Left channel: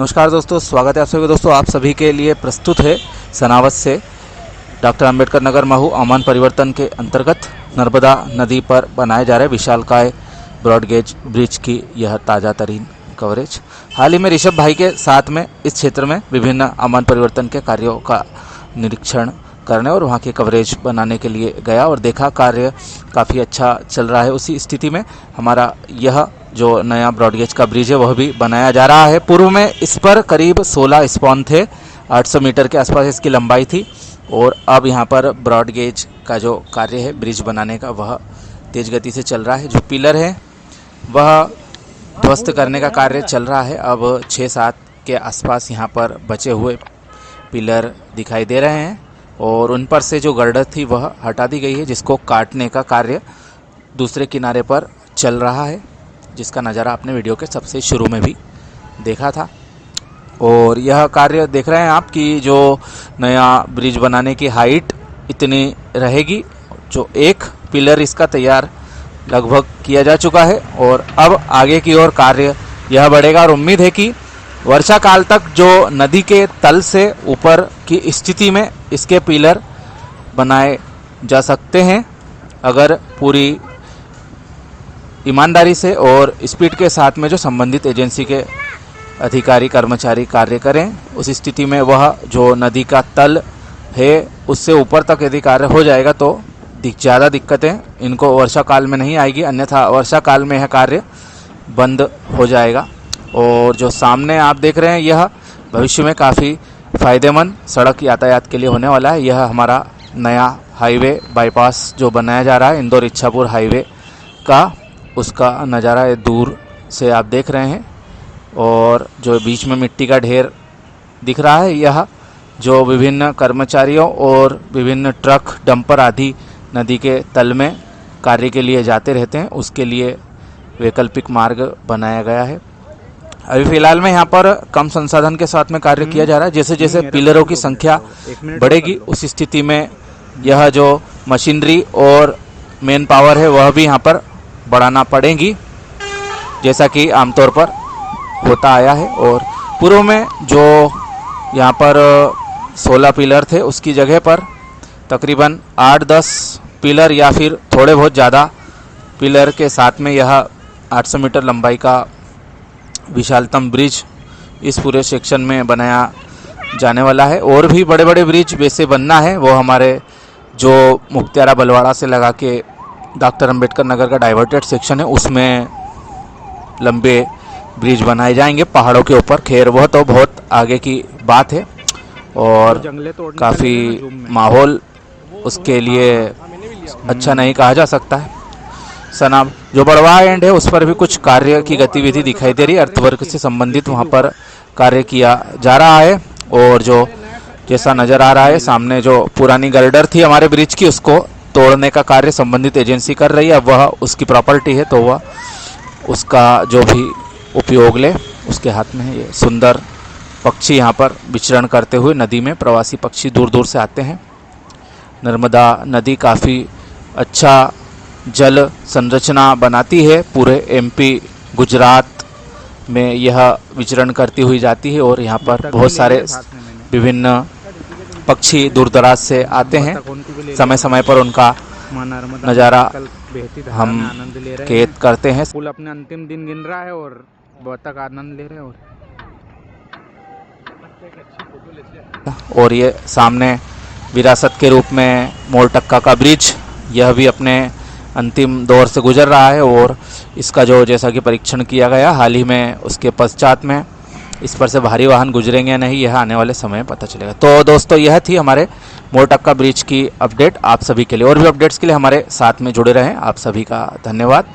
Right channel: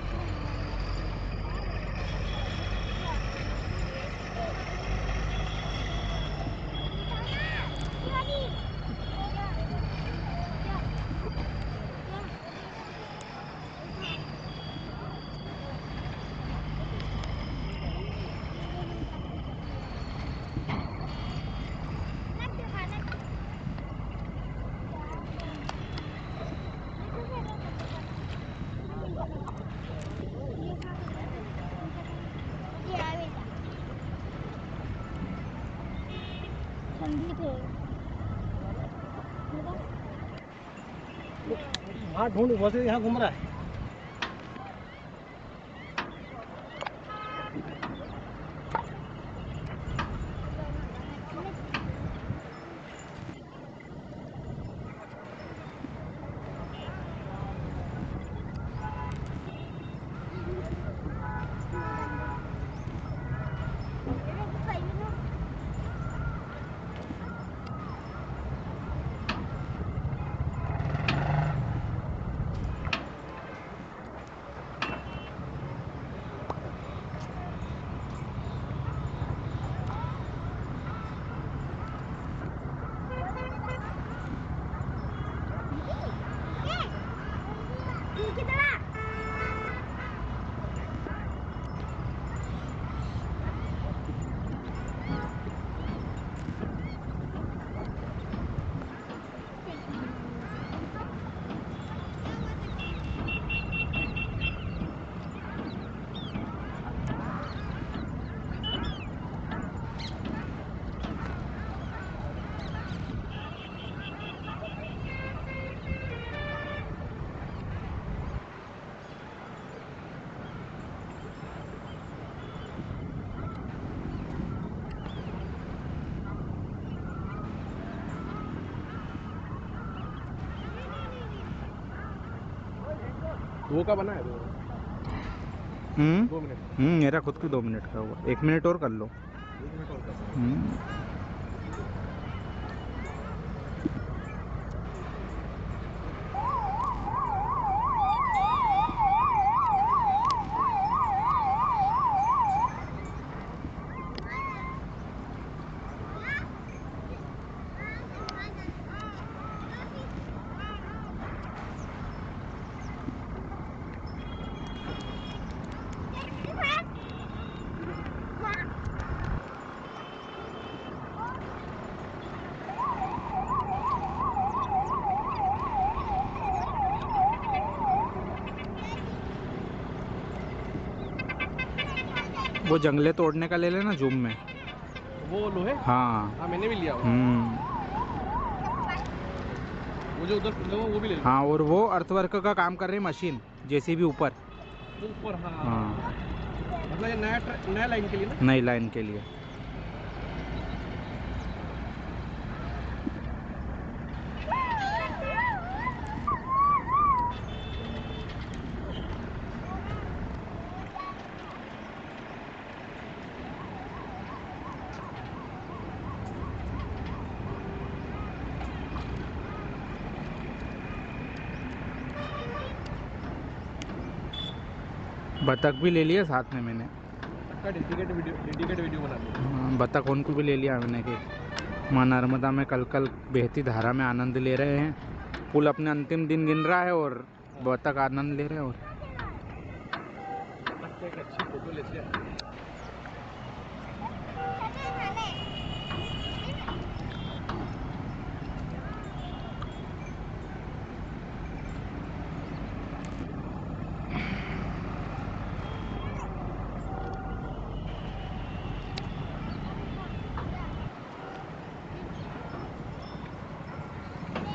नमस्कार दोस्तों, स्वागत है आप सभी दोस्तों। आप सभी के लिए प्रस्तुत है सनावत से डॉक्टर अंबेडकर नगर महू आमान परिवर्तन के अंतर्गत नर्मदा नदी पर बनाए जा रहे विशालकाय ब्रॉडगेज ब्रिज की यह ताज़ा तरीन कवरेज। हाल ही में ऋषभ भाई के साथ में इस क्षेत्र में विभिन्न आमान परिवर्तन के कार्यों का निरीक्षण करने और वहाँ की कवरेज बनाने के लिए गया और देखा कार्य काफ़ी अच्छा चल रहा है। उसी स्थिति में हमारा यह जो नया ब्रॉडगेज का ब्रिज है वह भी बनाया जा रहा है। पूर्व में इस पर करीब 16 स्पॉन थे, 800 मीटर के आसपास इसकी लंबाई थी और अब यहाँ पर ब्रॉडगेज का जो कार्य है ब्रिज बनाने का वह तेज़ गति से चल रहा है। जो पिलर है वह ध्वस्त करने का कार्य चल रहा है। अब 6-7 के आसपास यहाँ पर बचे हुए पिलर दिखाई दे रहे हैं और उन पर से जो गर्डर थी वह हटा दी गई है, जिसको काटने का कार्य दूसरे किनारे पर चल रहा है, जिसका नज़ारा आपने वीडियो के सबसे शुरू में भी देखा था। और यह कार्य देख रहे हैं आप कि जो नया ब्रिज बनाने की हाइट इतनी रहेगी। जो एक पिलर इसका तैयार लगभग किया जा चुका है और अब आगे की ओर कार्य यह बढ़ेगा और उम्मीद है कि वर्षा काल तक जो नदी के तल से ऊपर की स्थिति में इसके पिलर बनाए जा सकते हैं, अगर पूरी ईमानदारी से और स्पीड के साथ में जो संबंधित एजेंसी के अधिकारी कर्मचारी कार्य करें। उस स्थिति में वह जो नदी का तल है उससे ऊपर तक यदि कार्य हो जाएगा तो ज़्यादा दिक्कतें इनको वर्षा काल में नहीं आएगी, अन्यथा वर्षा काल में यह कार्य बंद हो जाएगा। और जो सामने आप देख रहे हैं यह भविष्य में काफ़ी फ़ायदेमंद सड़क यातायात के लिए होने वाला है। यह हमारा नया हाईवे बाईपास जो बनाया जा रहा है इंदौर इच्छापुर हाईवे का, उसका नज़ारा ये दूर से आप देख रहे हैं। और जो बीच में मिट्टी का ढेर दिख रहा है, यह जो विभिन्न कर्मचारियों और विभिन्न ट्रक डंपर आदि नदी के तल में कार्य के लिए जाते रहते हैं, उसके लिए वैकल्पिक मार्ग बनाया गया है। अभी फ़िलहाल में यहाँ पर कम संसाधन के साथ में कार्य किया जा रहा है। जैसे जैसे पिलरों की संख्या बढ़ेगी उस स्थिति में यह जो मशीनरी और मेन पावर है वह भी यहाँ पर बढ़ाना पड़ेगी, जैसा कि आमतौर पर होता आया है। और पूर्व में जो यहाँ पर 16 पिलर थे उसकी जगह पर तकरीबन 8-10 पिलर या फिर थोड़े बहुत ज़्यादा पिलर के साथ में यह 800 मीटर लंबाई का विशालतम ब्रिज इस पूरे सेक्शन में बनाया जाने वाला है। और भी बड़े बड़े ब्रिज वैसे बनना है, वो हमारे जो मुक्तियारा बलवाड़ा से लगा के डॉक्टर अंबेडकर नगर का डाइवर्टेड सेक्शन है उसमें लंबे ब्रिज बनाए जाएंगे पहाड़ों के ऊपर। खैर वह तो बहुत आगे की बात है और काफ़ी माहौल उसके लिए अच्छा नहीं कहा जा सकता है। सनाब जो बड़वा एंड है उस पर भी कुछ कार्य की गतिविधि दिखाई दे रही है, अर्थवर्क से संबंधित वहाँ पर कार्य किया जा रहा है। और जो जैसा नज़र आ रहा है सामने जो पुरानी गर्डर थी हमारे ब्रिज की उसको तोड़ने का कार्य संबंधित एजेंसी कर रही है। अब वह उसकी प्रॉपर्टी है तो वह उसका जो भी उपयोग ले उसके हाथ में है। ये सुंदर पक्षी यहाँ पर विचरण करते हुए नदी में, प्रवासी पक्षी दूर दूर से आते हैं। नर्मदा नदी काफ़ी अच्छा जल संरचना बनाती है, पूरे एमपी गुजरात में यह विचरण करती हुई जाती है और यहाँ पर बहुत सारे विभिन्न पक्षी दूर दराज से आते हैं। समय समय पर उनका नज़ारा हम कैद करते हैं। पुल अपने अंतिम दिन गिन रहा है और बतख आनंद ले रहे हैं। और ये सामने विरासत के रूप में मोरटक्का का ब्रिज, यह भी अपने अंतिम दौर से गुजर रहा है और इसका जो जैसा कि परीक्षण किया गया हाल ही में उसके पश्चात में इस पर से भारी वाहन गुजरेंगे या नहीं यह आने वाले समय में पता चलेगा। तो दोस्तों यह थी हमारे मोरटक्का ब्रिज की अपडेट आप सभी के लिए। और भी अपडेट्स के लिए हमारे साथ में जुड़े रहें। आप सभी का धन्यवाद।